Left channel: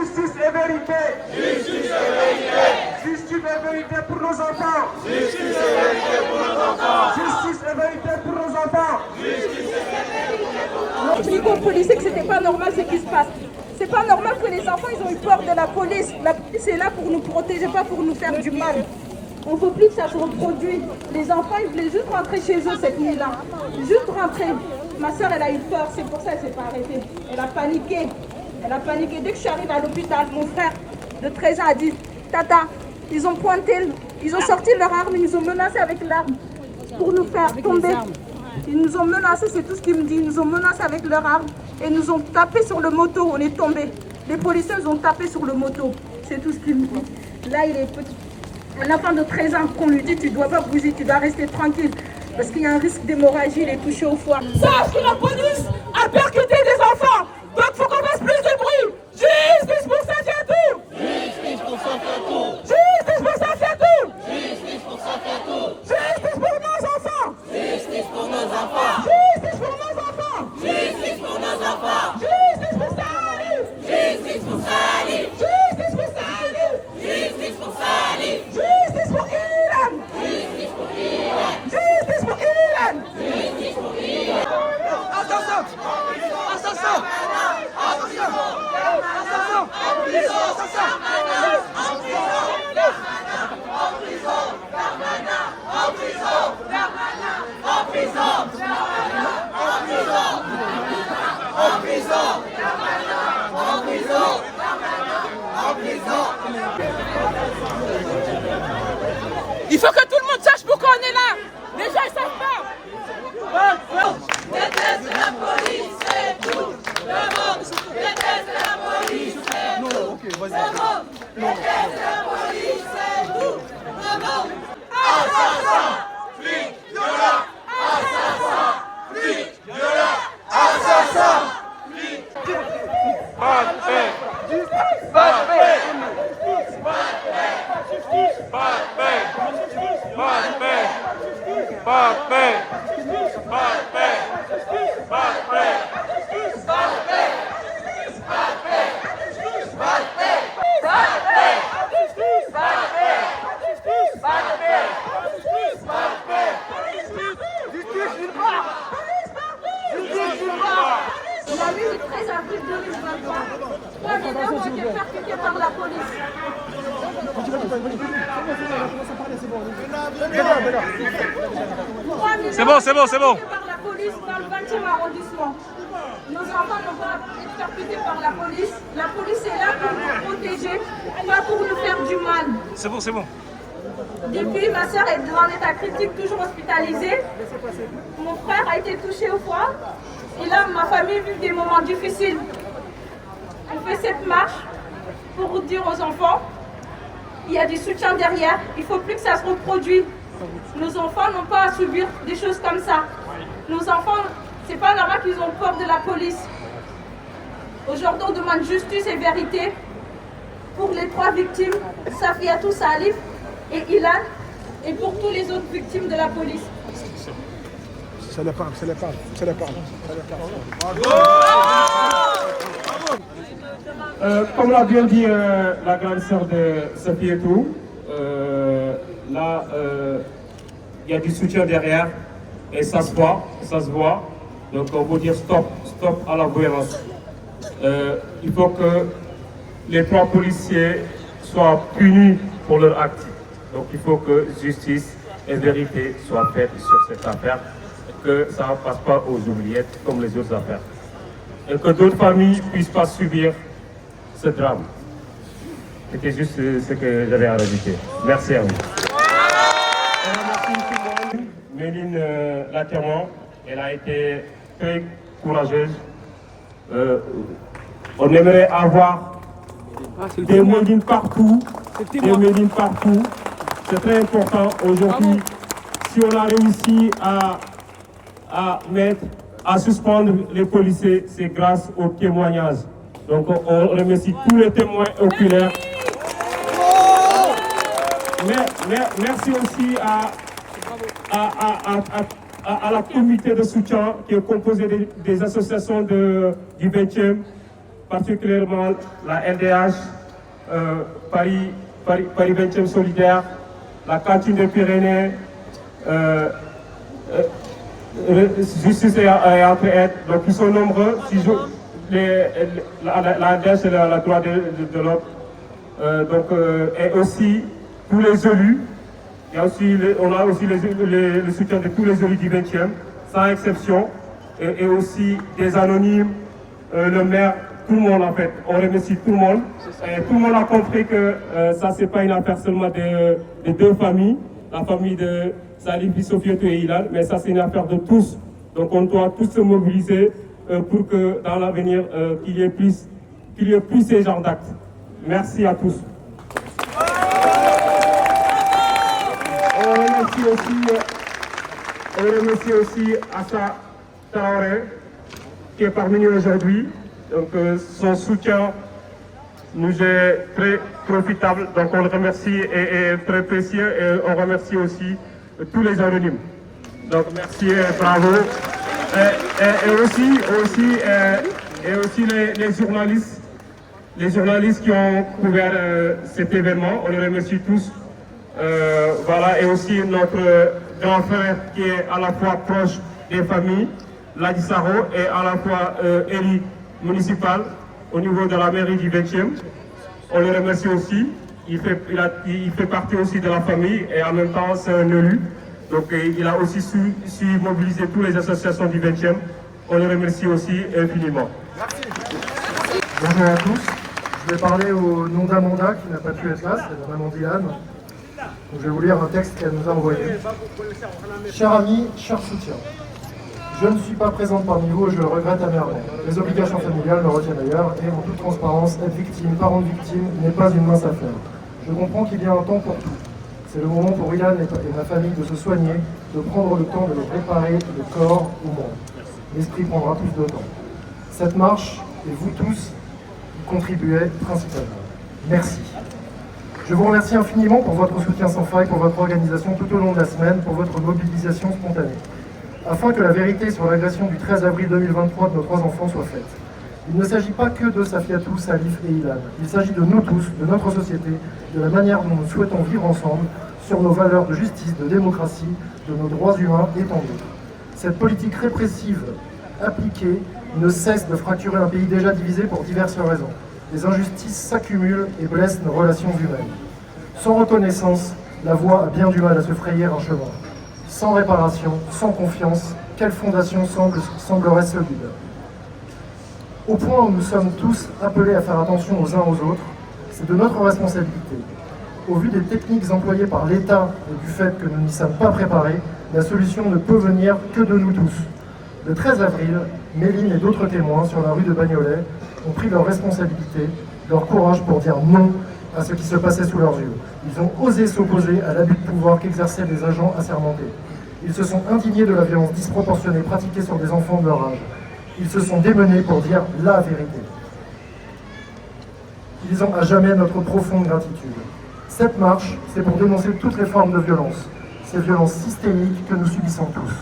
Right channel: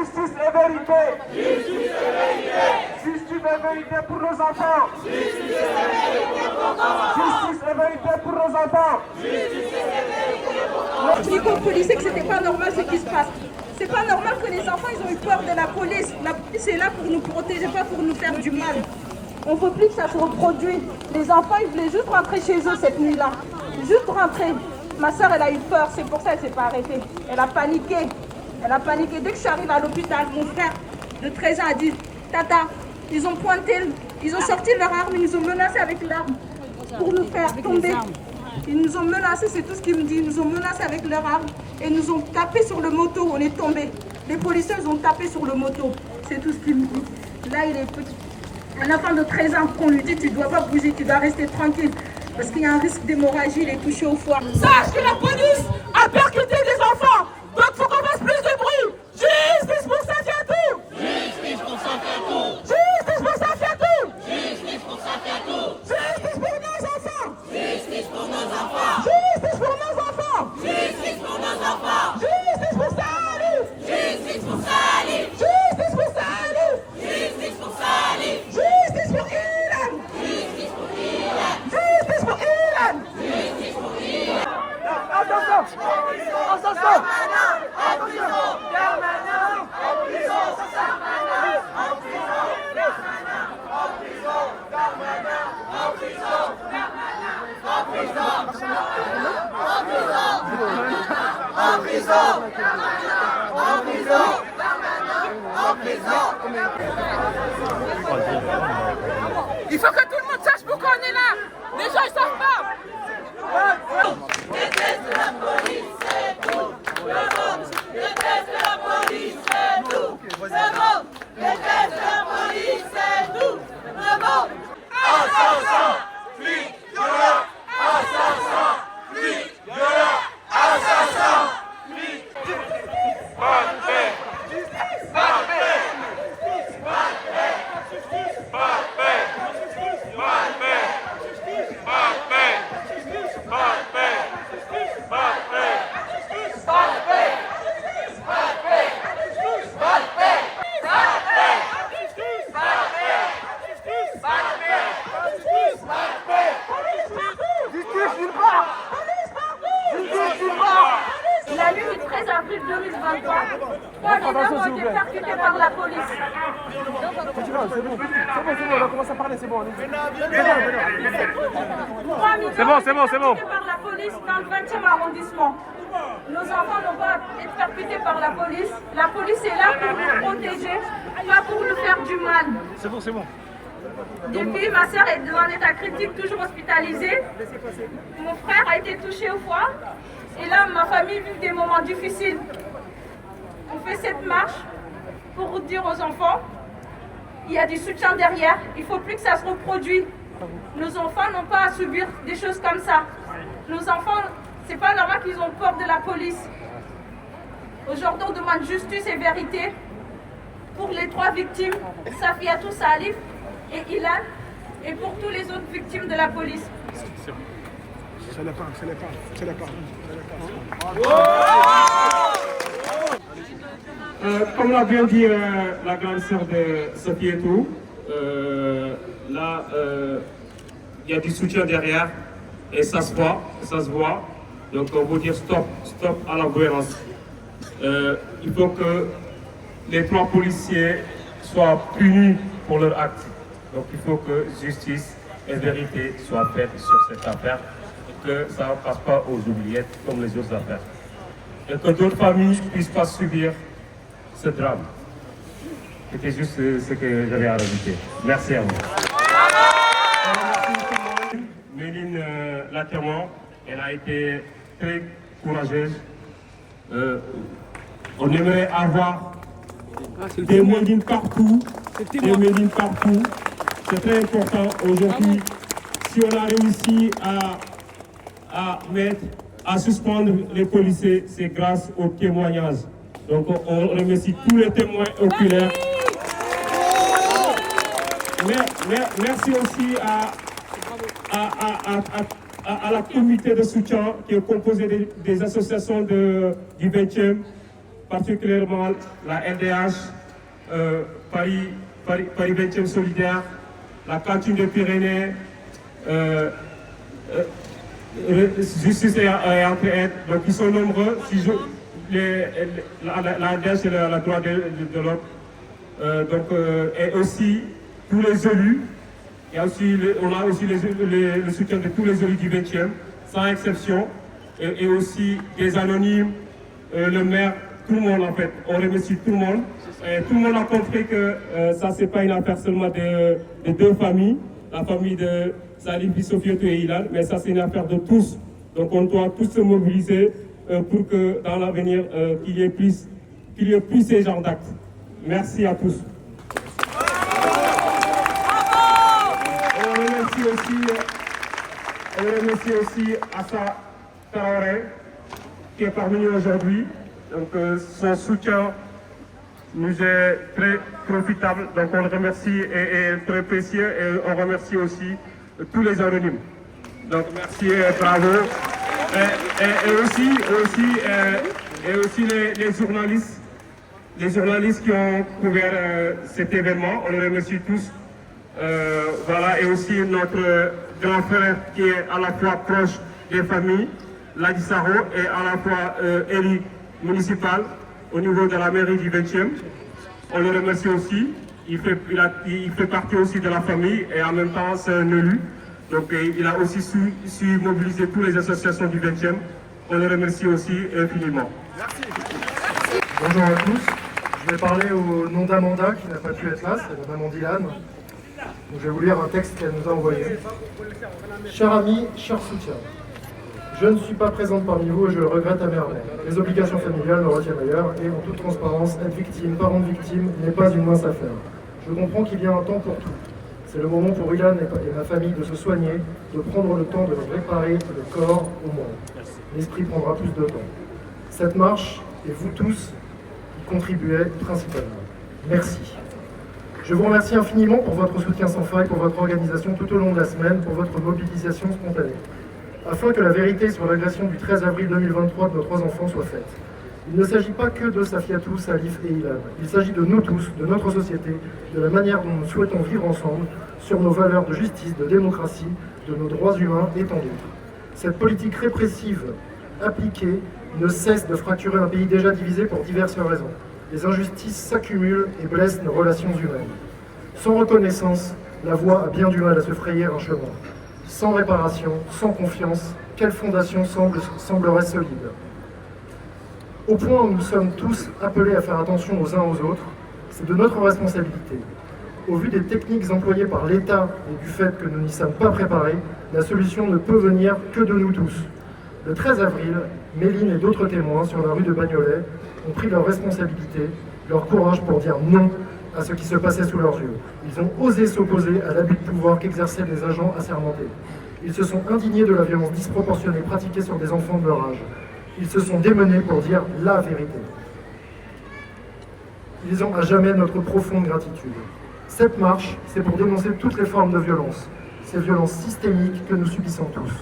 Justice et vérité. Justice et vérité. Justice et vérité pour nos enfants. Justice et vérité pour nos enfants. Justice et vérité pour nos enfants. Justice et vérité pour nos enfants. Expliquons aux policiers que c'était pas normal ce qui se passe. C'est pas normal que les enfants ils ont eu peur de la police. La police est là pour nous protéger, pas pour nous faire du mal. On ne veut plus que ça se reproduise. Les enfants ils voulaient juste rentrer chez eux cette nuit-là. Juste rentrer. Ma soeur elle a eu peur, c'est pour ça qu'elle ne s'est pas arrêtée. Elle a paniqué. Elle a paniqué. Dès que je suis arrivée à l'hôpital, mon frère de 13 ans a dit Tata, ils ont pointé, ils ont sorti leur arme, ils nous ont menacés avec l'arme pour nous faire tomber. Ils nous ont menacés, c'est tout ce qu'ils me disent. Ils nous ont menacés avec leur arme et nous ont tapé sur le moto. On est tombés. Les policiers nous ont tapé sur le moto. C'est tout ce qu'ils me disent. Là, il est petit. Un enfant de 13 ans qu'on lui dit tu ne dois pas bouger, tu dois rester tranquille. Parce qu'il y a un risque d'hémorragie, il est touché au foie. Sache que la police a percuté des enfants. Donc il faut qu'on fasse plus de bruit. Justice pour Safiatou. Justice pour Safiatou. Justice pour Safiatou. Justice pour Safiatou. Justice pour nos enfants. Justice pour nos enfants. Justice pour nos enfants. Justice pour nos enfants. Justice pour Salif. Justice pour Salif. Justice pour Salif. Justice pour Salif. Justice pour Ilan. Justice pour Ilan. Justice pour Ilan. Justice pour Ilan. Attention. Attention. Attention. Il faut que tout le monde sache pourquoi on est là. Les gens ils savent pas. Déteste la police, c'est tout. Le monde déteste la police, c'est tout. Le monde déteste la police, c'est tout. Le monde. Assassin, flic, violeur. Assassin, flic, violeur. Assassin, flic. Pas de paix. Pas de paix. Pas de paix. Pas de paix. Pas de paix. Pas de paix. Pas de paix. Pas de paix. Pas de paix. Pas de paix. Pas de paix. Pas de paix. Pas de paix. Pas de paix. Justice nulle part. Justice nulle part. La nuit du 13 avril 2023, 3 mineurs ont été percutés par la police. C'est bon. Par la police dans le 20e arrondissement. Nos enfants n'ont pas été percutés par la police. La police est là pour nous protéger, pas pour nous faire du mal. C'est bon. Depuis, ma soeur est dans l'état critique, toujours hospitalisée. Mon frère a été touché au foie. Et là, ma famille vit des moments difficiles. On fait cette marche pour dire aux enfants, il y a du soutien derrière, il ne faut plus que ça se reproduise. Nos enfants n'ont pas à subir des choses comme ça. Nos enfants, c'est pas normal qu'ils ont peur de la police. Aujourd'hui, on demande justice et vérité pour les 3 victimes, Safiatou, Salif et Ilan, et pour tous les autres victimes de la police. C'est la part. Comme l'a bien dit la grande sœur de Safiatou, là, il y a du soutien derrière et ça se voit. Donc on veut dire stop à la violence. Il faut que les 3 policiers soient punis pour leur acte. Donc il faut que justice et vérité soient faites sur cette affaire, et que ça ne passe pas aux oubliettes comme les autres affaires. Et que d'autres familles ne puissent pas subir ce drame. C'était juste ce que j'avais à rajouter. Merci à vous. Méline Laterman, elle a été très courageuse. On aimerait avoir des Mélines partout. C'est très important aujourd'hui. Si on a réussi à suspendre les policiers, c'est grâce aux témoignages. Donc on remercie tous les témoins oculaires. Merci aussi à la comité de soutien qui est composée des associations du 20e, particulièrement la LDH, Paris 20e Solidaire, la Cantine des Pyrénées, Justice et Entraide. Donc ils sont nombreux. La LDH et la droit de l'homme. Et aussi tous les élus. On a aussi le soutien de tous les élus du 20e, sans exception. Et aussi des anonymes, le maire, tout le monde en fait. On remercie tout le monde. Et tout le monde a compris que ça, c'est pas une affaire seulement de deux familles, la famille de Salif Sophietou et Ilan, mais ça, c'est une affaire de tous. Donc, on doit tous se mobiliser pour que dans l'avenir, qu'il y ait plus ces genres d'actes. Merci à tous. On remercie aussi Assa Traoré, qui est parmi nous aujourd'hui. Donc, son soutien nous est très profitable. Donc, on le remercie et très précieux. Et on remercie aussi tous les anonymes. Donc, merci, bravo. Et aussi les journalistes qui ont couvert cet événement. On les remercie tous. Voilà, et aussi notre grand frère qui est à la fois proche des familles, Ladi Saro, et à la fois élu municipal au niveau de la mairie du 20e. On le remercie aussi. Il fait partie aussi de la famille et en même temps c'est un élu. Donc il a aussi su mobiliser toutes les associations du 20e. On le remercie aussi infiniment. Merci. Bonjour à tous. Je vais parler au nom d'Amanda qui n'a pas pu être là, c'est Maman Dylan. Donc, je vais vous lire un texte qu'elle nous a envoyé. Chers amis, cher soutien, je ne suis pas présente parmi vous et je le regrette amèrement. Les obligations familiales me retiennent ailleurs et en toute transparence, être victime, parent de victime n'est pas une mince affaire. Je comprends qu'il y a un temps pour tout. C'est le moment pour Ilan et ma famille de se soigner, de prendre le temps de le réparer de corps au monde. L'esprit prendra plus de temps. Cette marche, et vous tous, y contribuez principalement. Merci. Je vous remercie infiniment pour votre soutien sans faille, pour votre organisation tout au long de la semaine, pour votre mobilisation spontanée. Afin que la vérité sur l'agression du 13 avril 2023 de nos 3 enfants soit faite. Il ne s'agit pas que de Safiatou, Salif et Ilan. Il s'agit de nous tous, de notre société, de la manière dont nous souhaitons vivre ensemble, sur nos valeurs de justice, de démocratie, de nos droits humains et tant d'autres. Cette politique répressive appliquée ne cesse de fracturer un pays déjà divisé pour diverses raisons. Les injustices s'accumulent et blessent nos relations humaines. Sans reconnaissance, la voie a bien du mal à se frayer un chemin. Sans réparation, sans confiance, quelle fondation semblerait solide? Au point où nous sommes tous appelés à faire attention aux uns aux autres, c'est de notre responsabilité. Au vu des techniques employées par l'État et du fait que nous n'y sommes pas préparés, la solution ne peut venir que de nous tous. Le 13 avril, Méline et d'autres témoins sur la rue de Bagnolet ont pris leurs responsabilités, leur courage pour dire non à ce qui se passait sous leurs yeux. Ils ont osé s'opposer à l'abus de pouvoir qu'exerçaient des agents assermentés. Ils se sont indignés de la violence disproportionnée pratiquée sur des enfants de leur âge. Ils se sont démenés pour dire la vérité. Ils ont à jamais notre profonde gratitude. Cette marche, c'est pour dénoncer toutes les formes de violence, ces violences systémiques que nous subissons tous.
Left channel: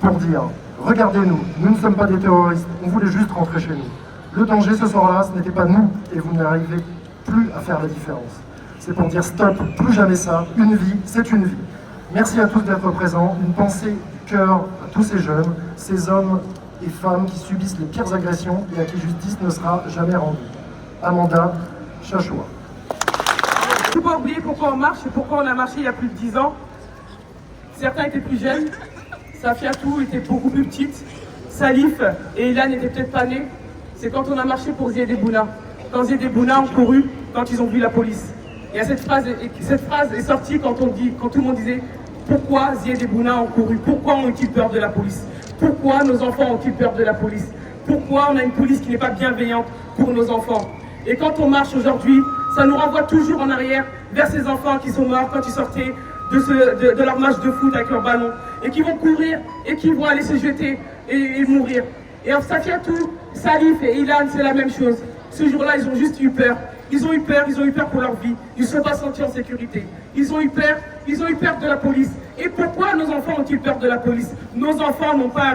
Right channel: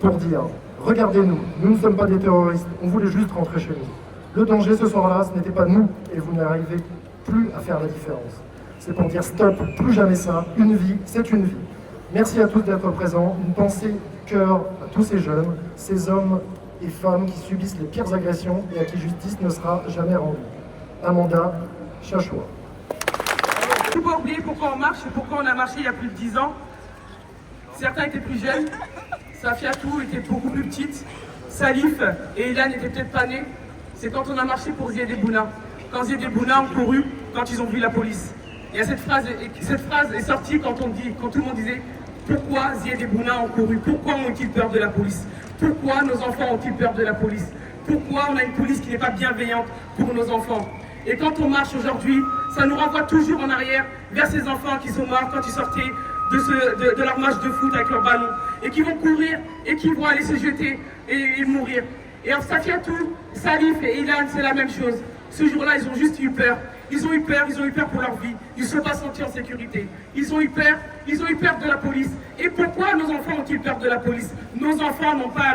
Pour dire, regardez-nous, nous ne sommes pas des terroristes, on voulait juste rentrer chez nous. Le danger ce soir-là, ce n'était pas nous, et vous n'arrivez plus à faire la différence. C'est pour dire stop, plus jamais ça, une vie, c'est une vie. Merci à tous d'être présents, une pensée du cœur à tous ces jeunes, ces hommes et femmes qui subissent les pires agressions et à qui justice ne sera jamais rendue. Amanda Chachoua. Il ne faut pas oublier pourquoi on marche et pourquoi on a marché il y a plus de 10 ans. Certains étaient plus jeunes, Safiatou était beaucoup plus petite, Salif et Ilan n'étaient peut-être pas nés. C'est quand on a marché pour Zied Bouna. Quand Zied Bouna ont couru, quand ils ont vu la police. Et cette phrase est sortie quand tout le monde disait pourquoi Zied Bouna ont couru, pourquoi ont-ils peur de la police, pourquoi nos enfants ont-ils peur de la police, pourquoi on a une police qui n'est pas bienveillante pour nos enfants. Et quand on marche aujourd'hui, ça nous renvoie toujours en arrière vers ces enfants qui sont morts quand ils sortaient de leur match de foot avec leur ballon et qui vont courir et qui vont aller se jeter et mourir. Et en Safiatou, Salif et Ilan, c'est la même chose. Ce jour-là, ils ont juste eu peur. Ils ont eu peur pour leur vie. Ils ne se sont pas sentis en sécurité. Ils ont eu peur de la police. Et pourquoi nos enfants ont-ils peur de la police? Nos enfants n'ont pas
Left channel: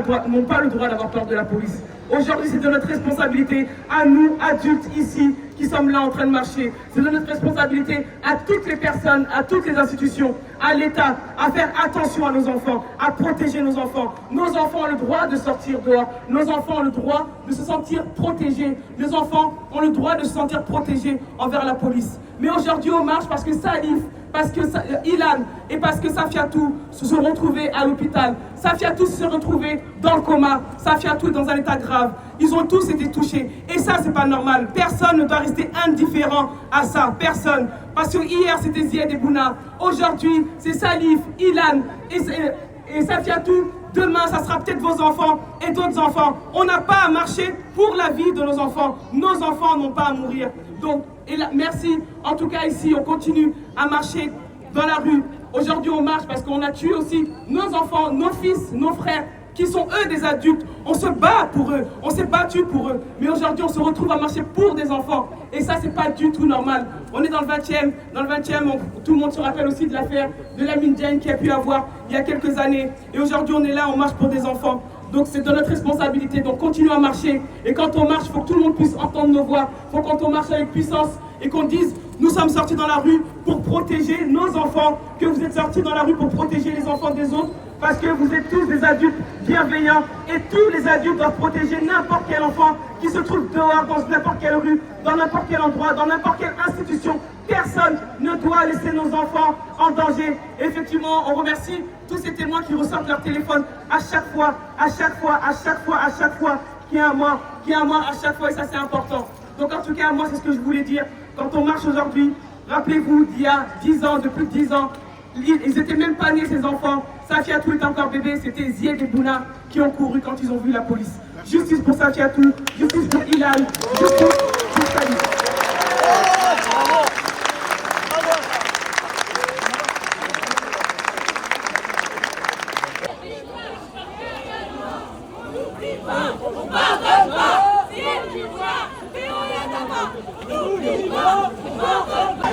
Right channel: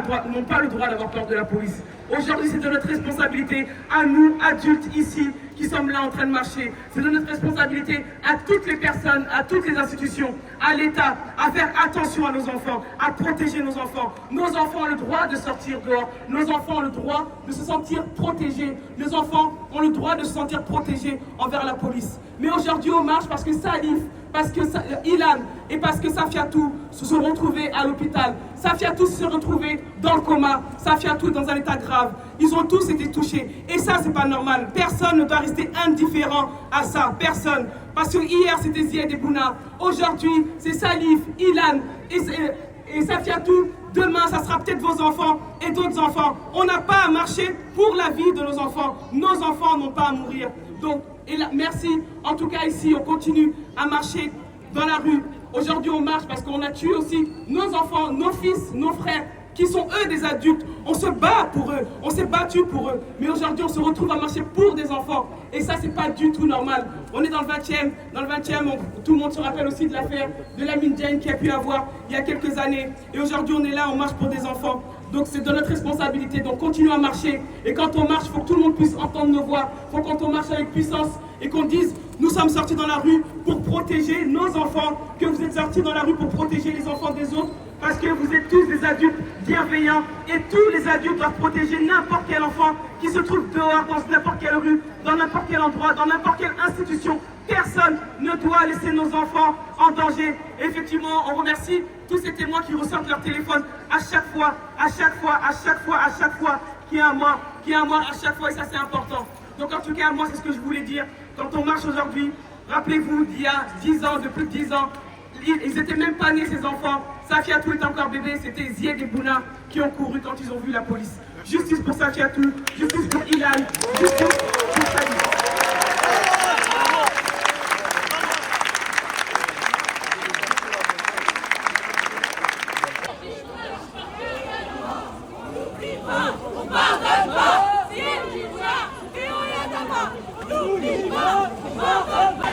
le droit d'avoir peur de la police. Aujourd'hui, c'est de notre responsabilité, à nous, adultes ici, qui sommes là en train de marcher. C'est de notre responsabilité à toutes les personnes, à toutes les institutions, à l'État, à faire attention à nos enfants, à protéger nos enfants. Nos enfants ont le droit de sortir dehors. Nos enfants ont le droit de se sentir protégés. Nos enfants ont le droit de se sentir protégés envers la police. Mais aujourd'hui, on marche parce que Salif, parce que Ilan et parce que Safiatou se sont retrouvés à l'hôpital. Safiatou se sont retrouvés dans le coma. Safiatou est dans un état grave. Ils ont tous été touchés. Et ça, c'est pas normal. Personne ne doit rester indifférent à ça. Personne. Parce que hier, c'était Zied et Bouna. Aujourd'hui, c'est Salif, Ilan et Safiatou. Demain, ça sera peut-être vos enfants et d'autres enfants. On n'a pas à marcher pour la vie de nos enfants. Nos enfants n'ont pas à mourir. Donc, et là, merci. En tout cas, ici, on continue à marcher dans la rue. Aujourd'hui, on marche parce qu'on a tué aussi nos enfants, nos fils, nos frères, qui sont eux des adultes. On se bat pour eux. On s'est battu pour eux. Mais aujourd'hui, on se retrouve à marcher pour des enfants. Et ça, c'est pas du tout normal. On est dans le 20e. Dans le 20e, tout le monde se rappelle aussi de l'affaire de Lamine Diagne qui a pu avoir il y a quelques années. Et aujourd'hui, on est là, on marche pour des enfants. Donc c'est de notre responsabilité, donc continuons à marcher. Et quand on marche, il faut que tout le monde puisse entendre nos voix. Il faut qu'on marche avec puissance et qu'on dise, nous sommes sortis dans la rue pour protéger nos enfants, que vous êtes sortis dans la rue pour protéger les enfants des autres, parce que vous êtes tous des adultes bienveillants et tous les adultes doivent protéger n'importe quel enfant qui se trouve dehors, dans n'importe quelle rue, dans n'importe quel endroit, dans n'importe quelle institution. Personne ne doit laisser nos enfants en danger. Effectivement, on remercie tous ces témoins qui ressortent leur téléphone à chaque fois qu'il y a un mort, à chaque fois, et ça c'est important. Donc en tout cas, moi c'est ce que je voulais dire. Quand on marche aujourd'hui, rappelez-vous d'il y a 10 ans, depuis 10 ans, ils n'étaient même pas nés ces enfants. Safiatou était encore bébé, c'était Zied et Bouna qui ont couru quand ils ont vu la police. Justice pour Safiatou, justice pour Ilan, justice pour Salif. On pardonne pas, si tu vois, et on y a d'abord. N'oublie pas, on pardonne pas.